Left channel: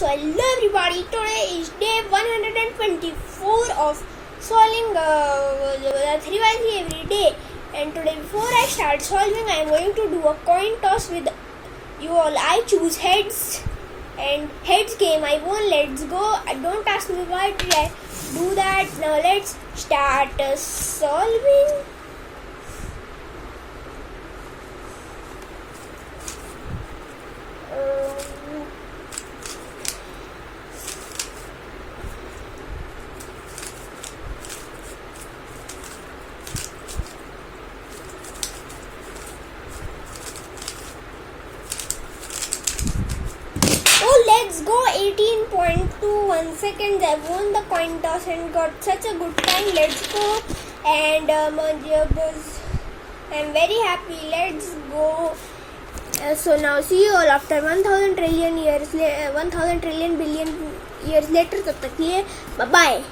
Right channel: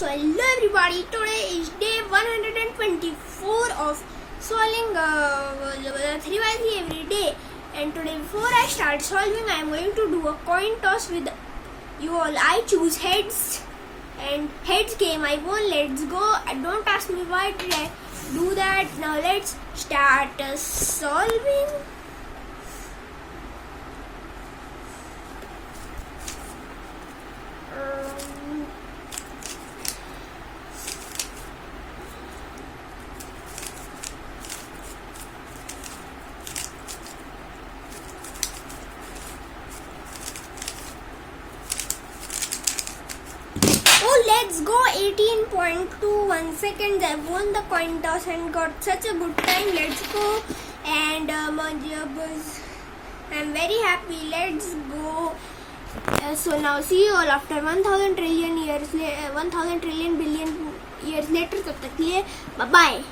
So hello everybody, today is day 124 of solving 3x3 every day. And today before I start solving, I am going to do a coin toss with you all. I choose heads and heads game I won. Let's go. Don't ask me why did I do that. Now let's start solving. Let's go. 18.21 seconds. I won the coin toss and got such a good time. Let's go. And I'm very happy. Let's go. So now see you all after 1,000 trillion billion years later. Bye bye.